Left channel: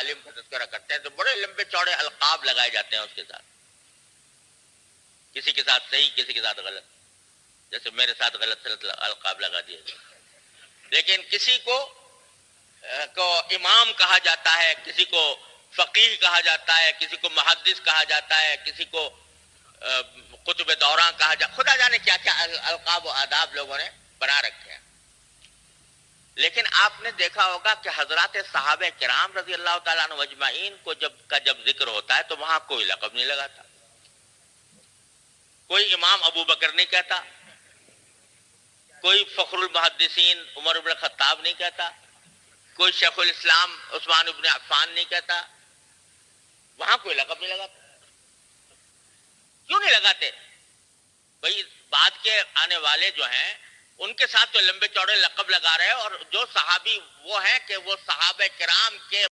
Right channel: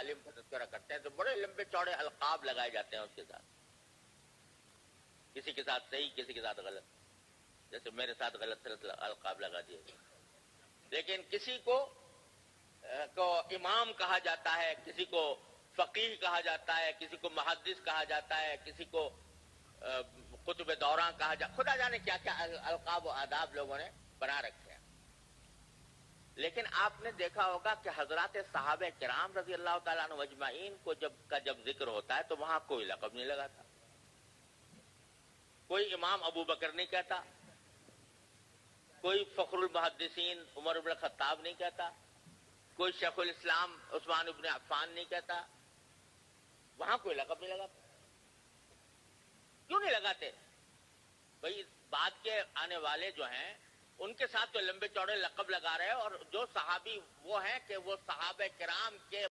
عالم کا تذکرہ کرتے ہیں تو بڑے لمبے چوڑے القاب لگائے جاتے ہیں اس کے ساتھ، کسی کے ساتھ صحیح کسی کے ساتھ غلط، جیسے میرے ساتھ غلط القاب لگا دیے گئے. لیکن کسی کو امام کہا جاتا ہے، کسی کو فقیہ کہا جاتا ہے، کسی کو محدث کہا جاتا ہے، کسی کو قطب دوراں کہا جاتا ہے، خدا جانے کیا کیا القاب و آداب لوگوں نے بنا رکھے ہیں. لیکن آپ نے دیکھا ہوگا کہ حضرات صحابہ کرام رضی اللہ تعالیٰ عنہ اجمعین کو جب ذکر ہوتا ہے تو وہاں کوئی لقب نہیں لگاتا، کوئی امام ابو بکر نہیں کہتا، کوئی فخر المحدثین عمر بن الخطاب نہیں کہتا، کوئی شیخ الاسلام عثمان بن عفان نہیں کہتا، وہاں کوئی لقب نہیں لگاتا. کیوں نہیں لگاتے؟ بھائی بعد کے آنے والے جو ہیں ان کے ساتھ تو لمبے چوڑے لقب لگا رہے ہیں، اور جو صحابی وہ ہیں کہ وہ صحابہ کرام کے